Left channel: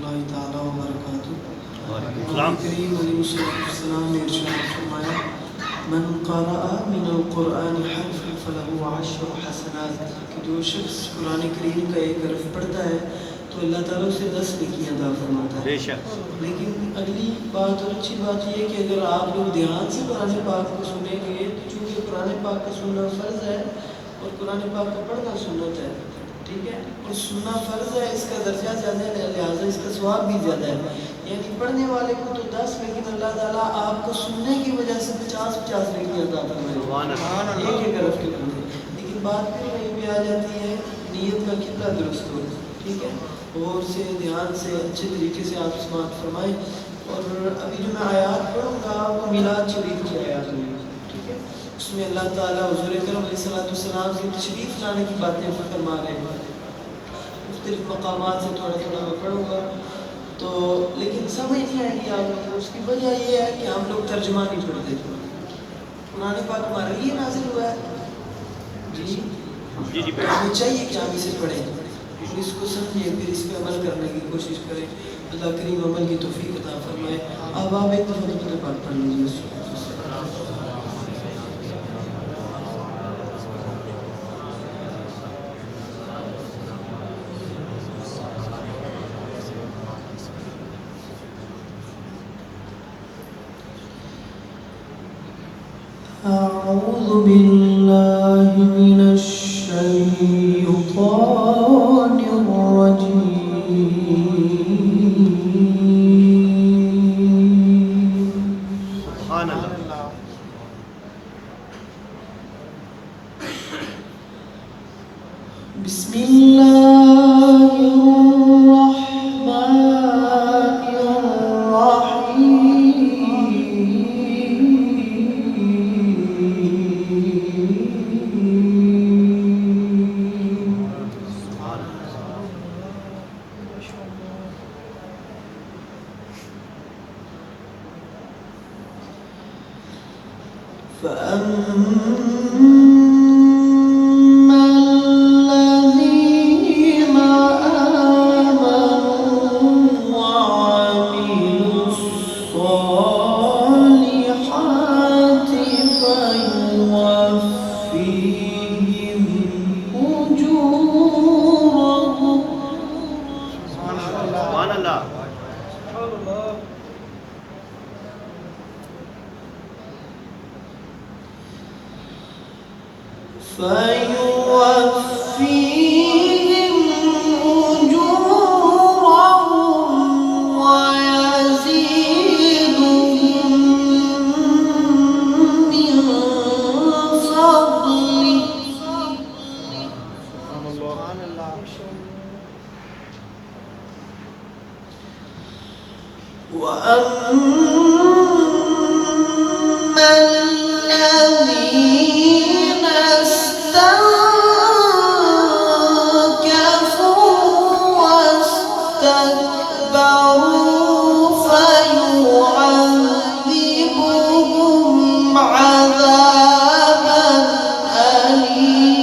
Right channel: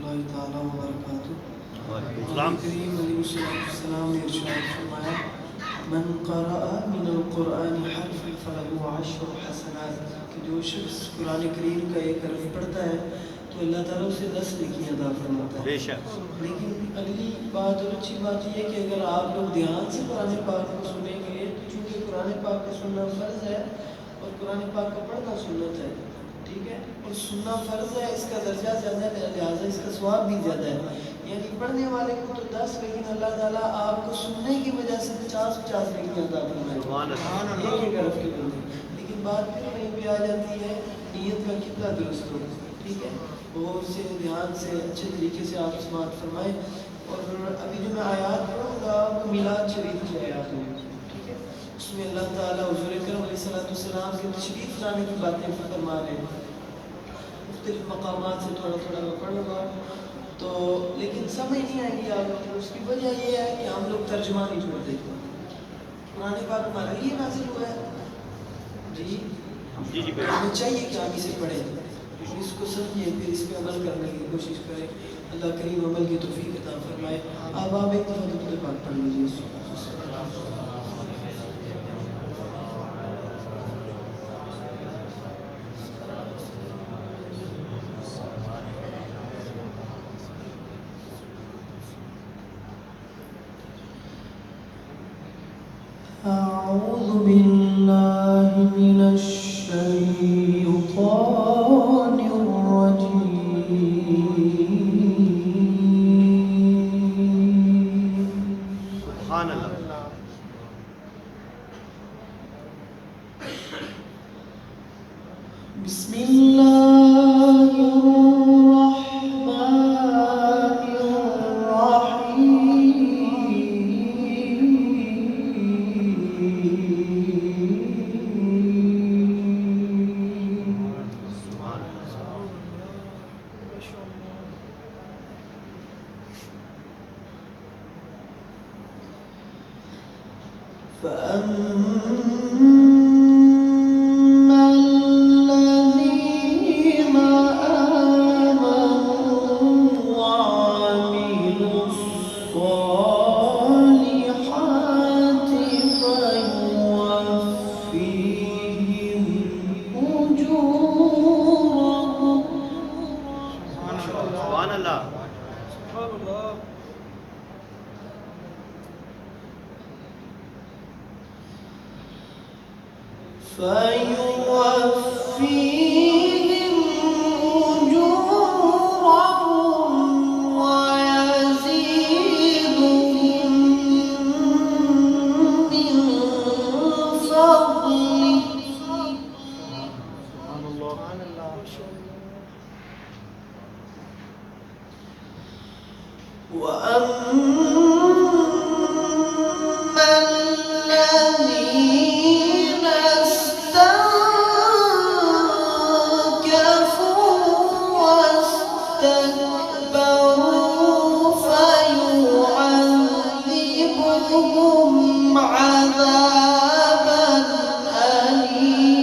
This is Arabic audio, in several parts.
اللہ تعالیٰ وبرکاتہ۔ وعلیکم السلام۔ کریم علیہ السلام نے ارشاد فرمایا من قرأ من القرآن حرفا فله 10 حسنات، کہ جو شخص قرآن کریم کا ایک حرف پڑھتا ہے تو اللہ تعالیٰ اسے 10 نیکیاں عطا فرماتا ہے۔ بے شک۔ لیکن اگلی بات اور اچھی بات یہ ہے کہ اگر آپ لوگ دھیان سے قرآن پاک کو سنیں گے، چونکہ قرآن پاک کا سننا فرض ہے اور قرآن پاک کا پڑھنا سنت ہے، ٹھیک ہے، اور سننا فرض ہے، اس کا درجہ زیادہ ہے، لہٰذا اس کا ثواب بھی زیادہ ہے۔ یعنی پڑھنے والے کو تو 10، لیکن اللہ تعالیٰ آپ کو سننے کی وجہ سے 50 نیکیاں عطا فرمائے گے، ایک حرف کے بندے۔ لیکن بات پھر وہیں پہ آ جاتی ہے نیت کا کتنا درست ہو، ٹھیک ہے، غور سے دھیان سے اچھے طریقے سے آپ سماعت فرمائیں۔ اور ابھی جو میں آیات پڑھوں گا وہ میلاد شریف کی آیات ہوں گی، ٹھیک ہے، اس میں اللہ تعالیٰ حضور اکرم علیہ السلام کی تشریف لانے کی باتیں فرما رہے ہیں۔ مختلف مقامات سے تھوڑا تھوڑا میں پڑھوں گا تو، لیکن سمجھ نہیں آئے گی آپ لوگ کو۔ اس کی وجہ یہ ہے کہ ہم لوگ ترجمہ نہیں پڑھتے۔ قرآن پاک ہمارے لیے نازل ہوا ہے، جی ہمیں چاہیے کہ ہم اسے پڑھیں اور اس کو سمجھیں، پھر اس پہ عمل کرنے کی کوشش کریں۔ اللہ کریم عمل کی توفیق عطا فرمائے۔ اب آپ ایک دفعہ درود پاک پڑھ لیجیے۔ أعوذ بالله من الشيطان الرجيم۔ سبحان اللہ۔ بسم الله الرحمن الرحيم۔ فأما الذين آمنوا وعملوا الصالحات فيوفيهم أجورهم۔ سبحان اللہ۔ فيوفيهم أجورهم ويزيدهم من فضله وأما الذين استنكفوا واستكبروا فيعذبهم عذابا أليما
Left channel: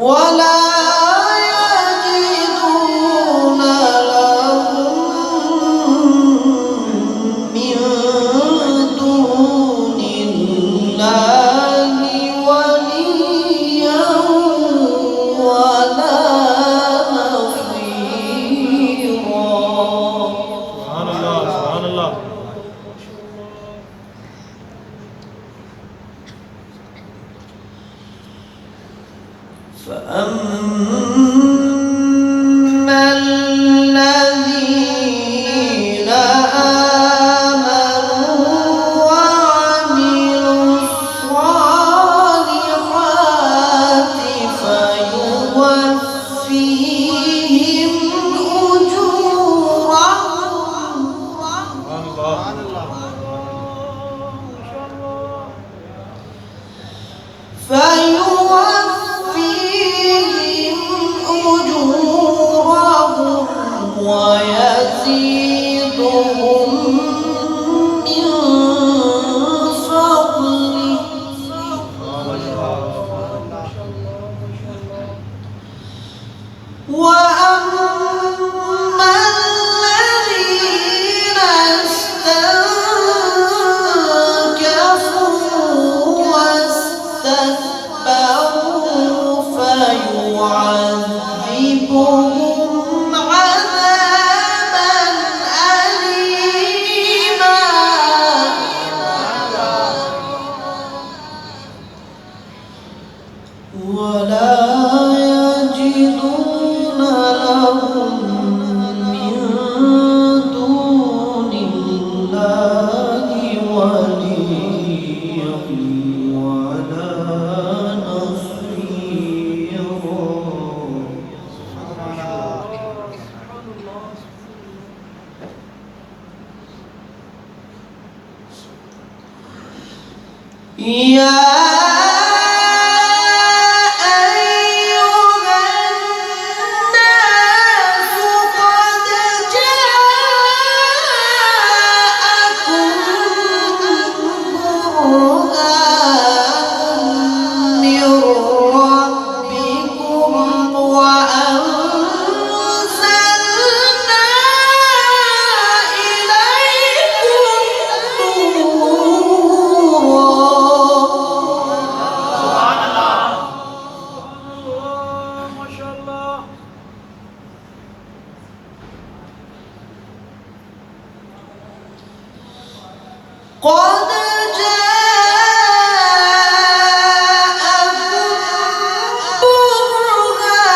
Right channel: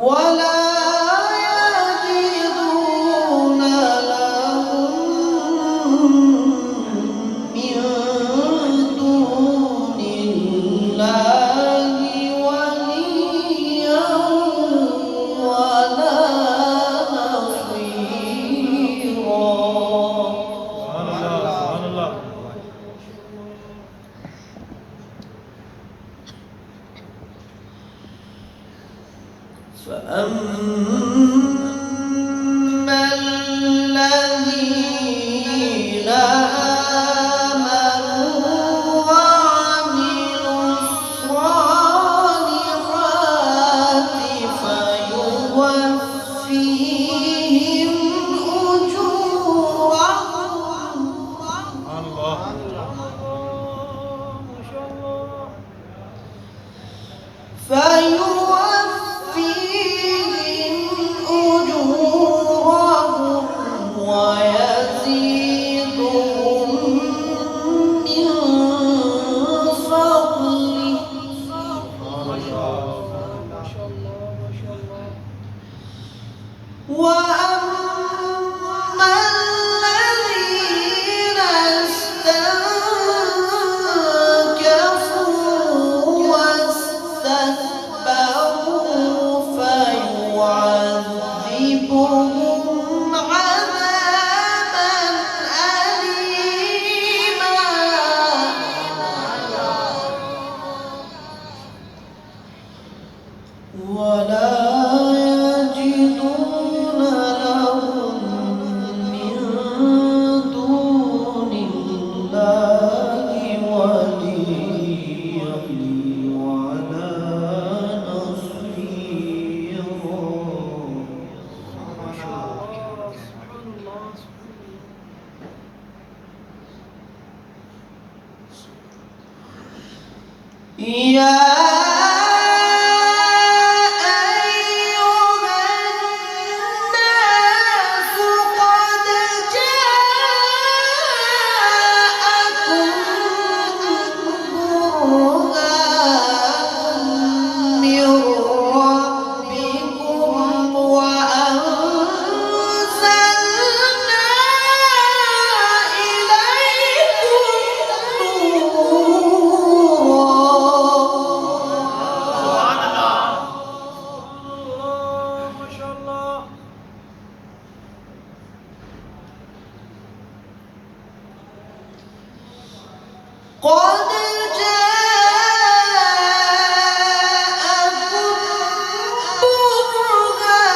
ولا يجدون لهم من دون الله وليا ولا نصيرا۔ فأما الذين آمنوا وعملوا الصالحات فيوفيهم أجورهم ويزيدهم من فضله ولا يجدون لهم من دون الله وليا ولا نصيرا. يا قد جاءكم برهان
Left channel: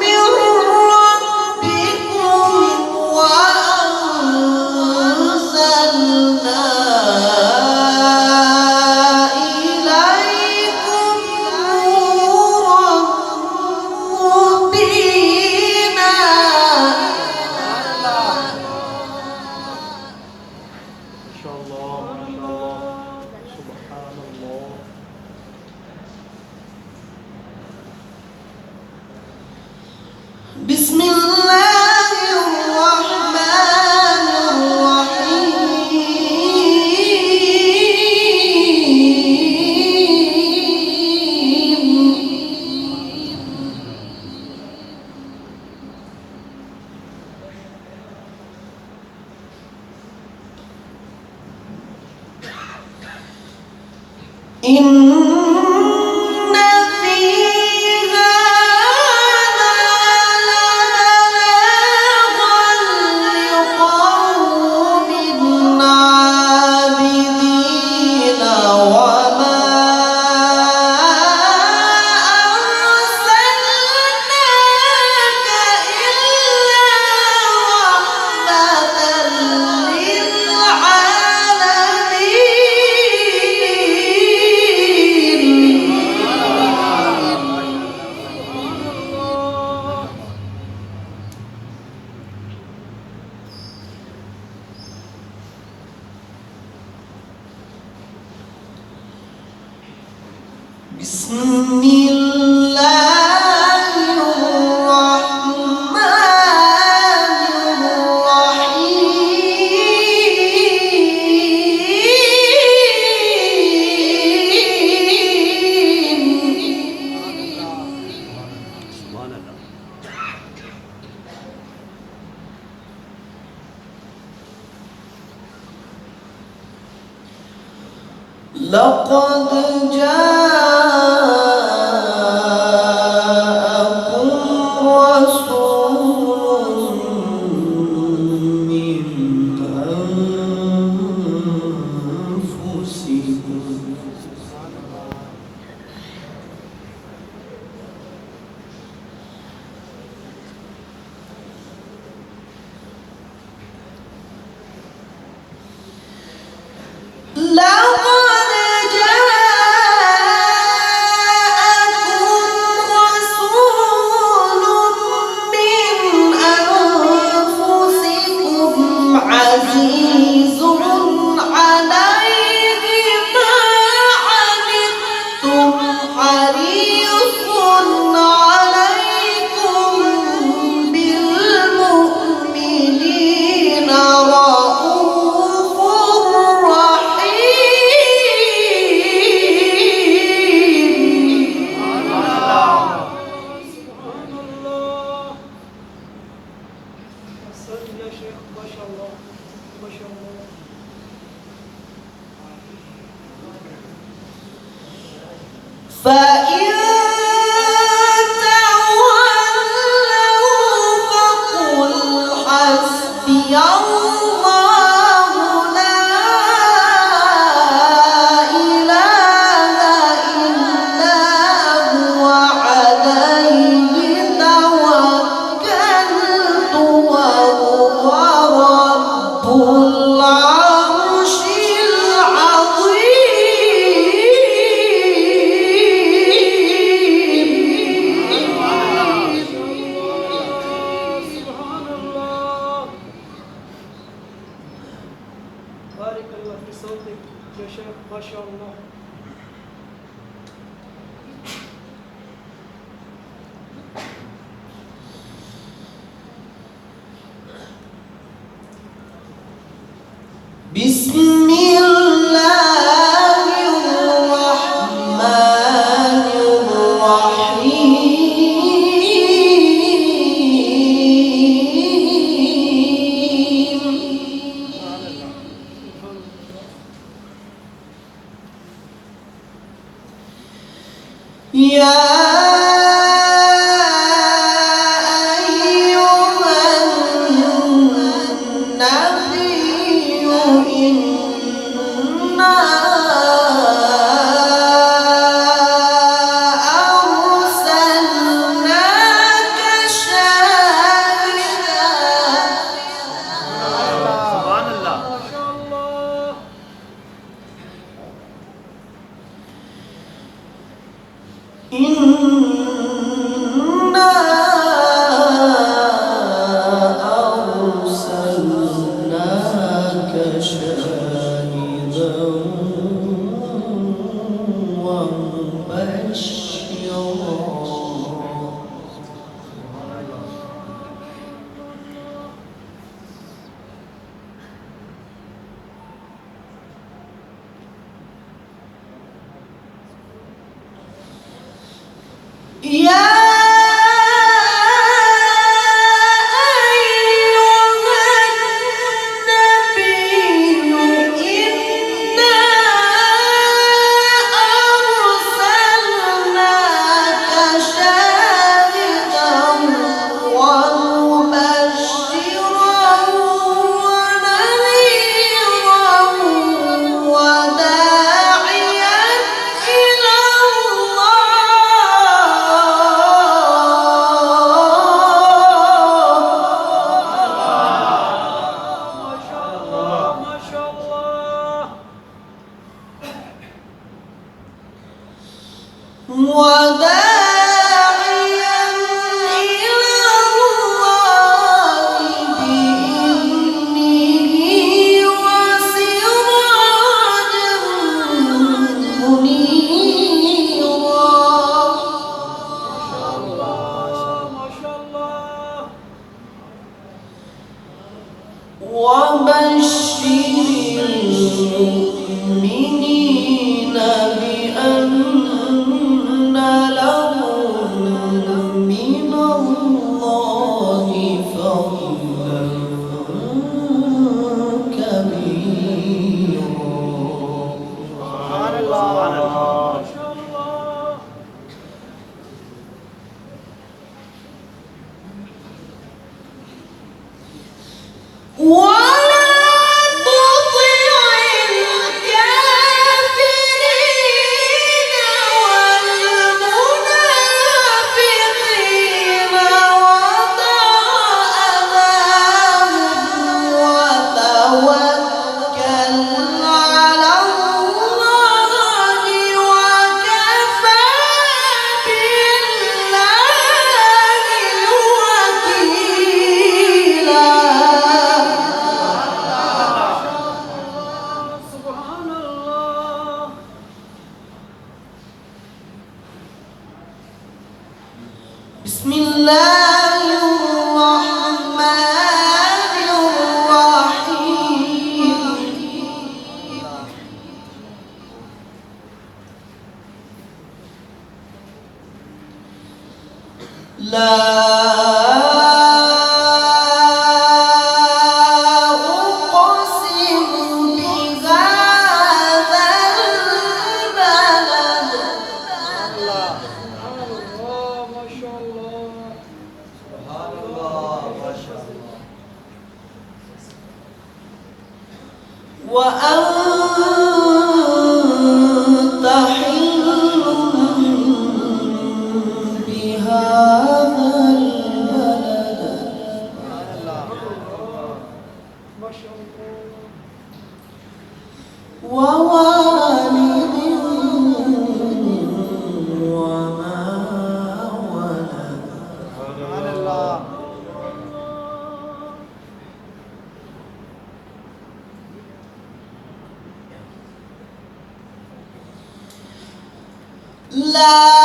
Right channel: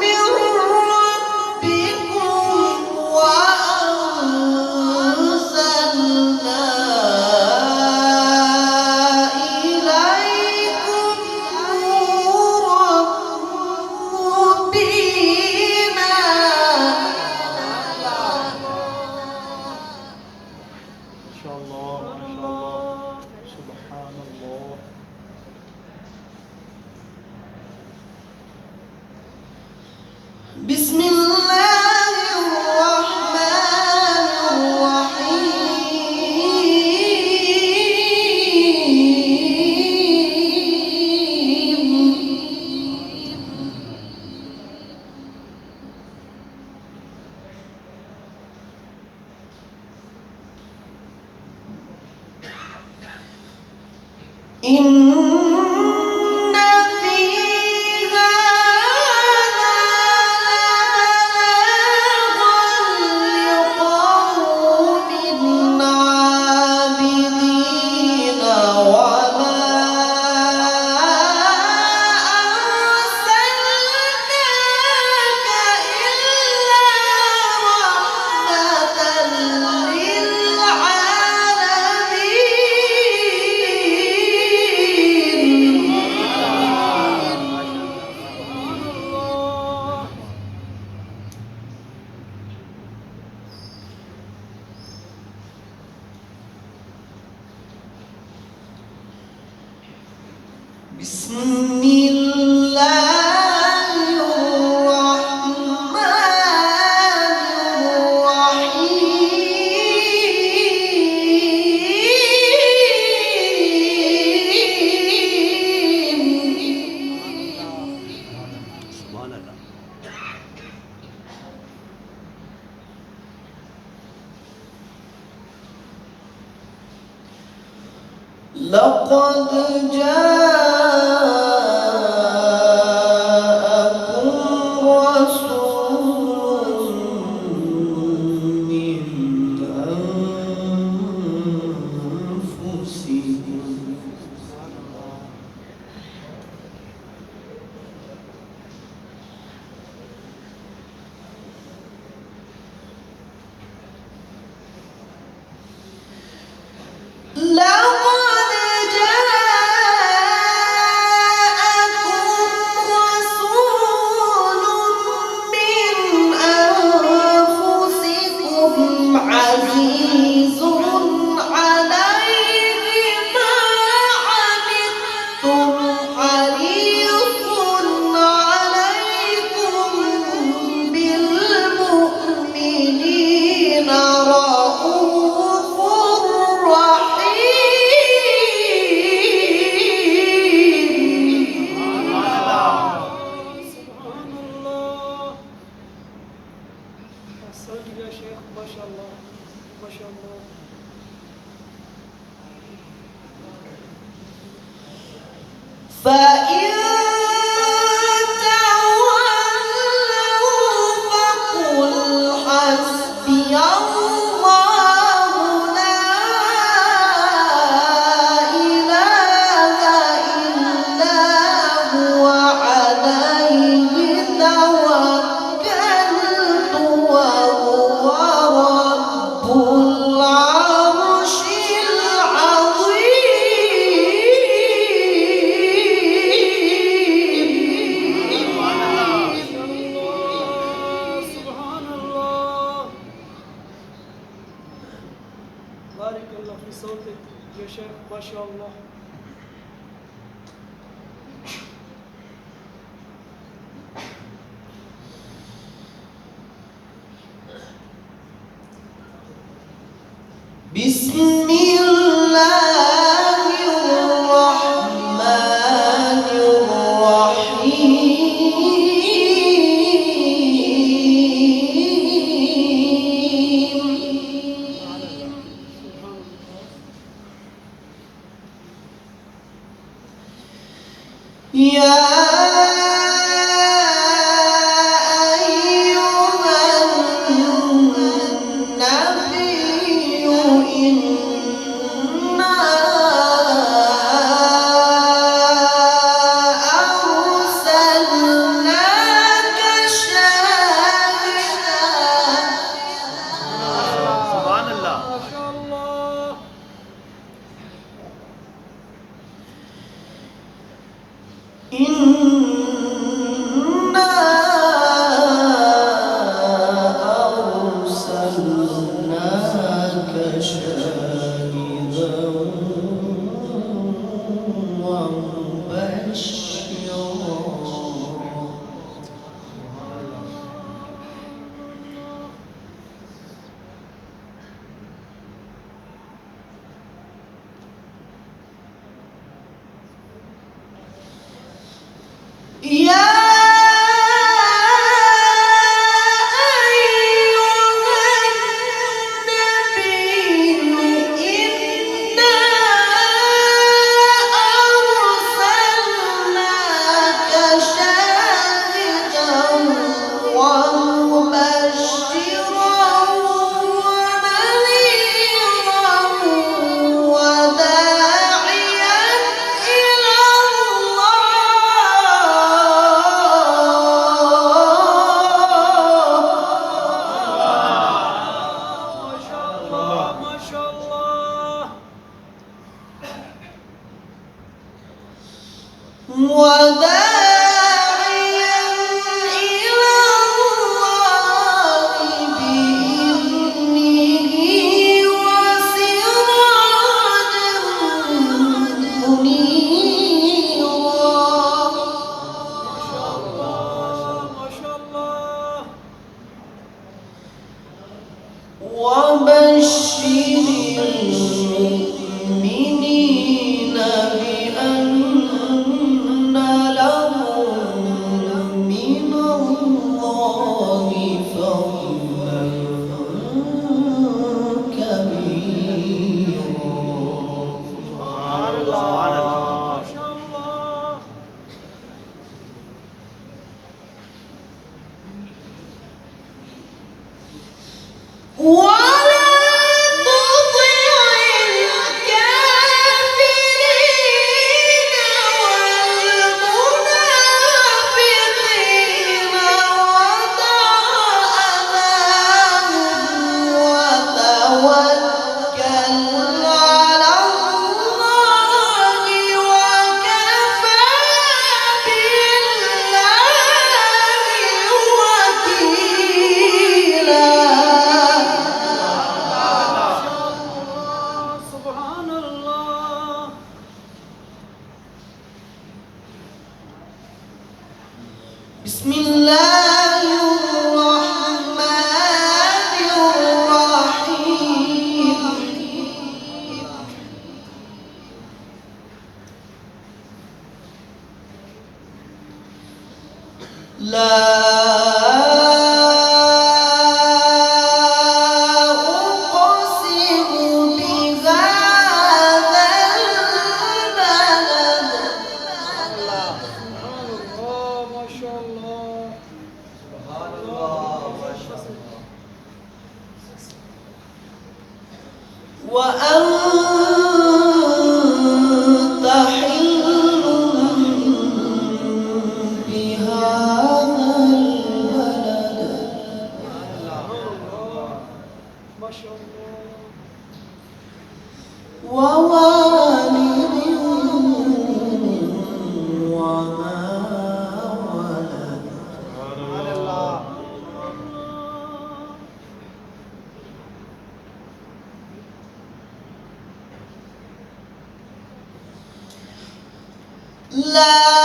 من ربكم وأنزلنا إليكم نورا مبينا. بسم الله الرحمن الرحيم. بسم الله الرحمن الرحيم. سبحان الله. لقد جاءكم رسول من أنفسكم عزيز عليه ما عنتم حريص عليكم بالمؤمنين رؤوف فإن تولوا فقل حسبي الله لا إله ما شاء الله. بسم الله الرحمن الرحيم. يا سبحان الله. ما شاء الله. إنا أرسلناك شاهدا ومبشرا. يا ما شاء الله. وداعيا إلى الله بإذنه وسراجا منيرا. ما شاء الله. وبشر المؤمنين بأن لهم من الله فضلا كبيرا. سبحان الله. ما شاء الله. ولا تطع الكافرين والمنافقين ودع أذاهم وتوكل على الله وكفى بالله وكيلا. سبحان الله. بسم الله الرحمن الرحيم. لا أقسم بهذا البلد ما شاء الله. وأنت حل بهذا ला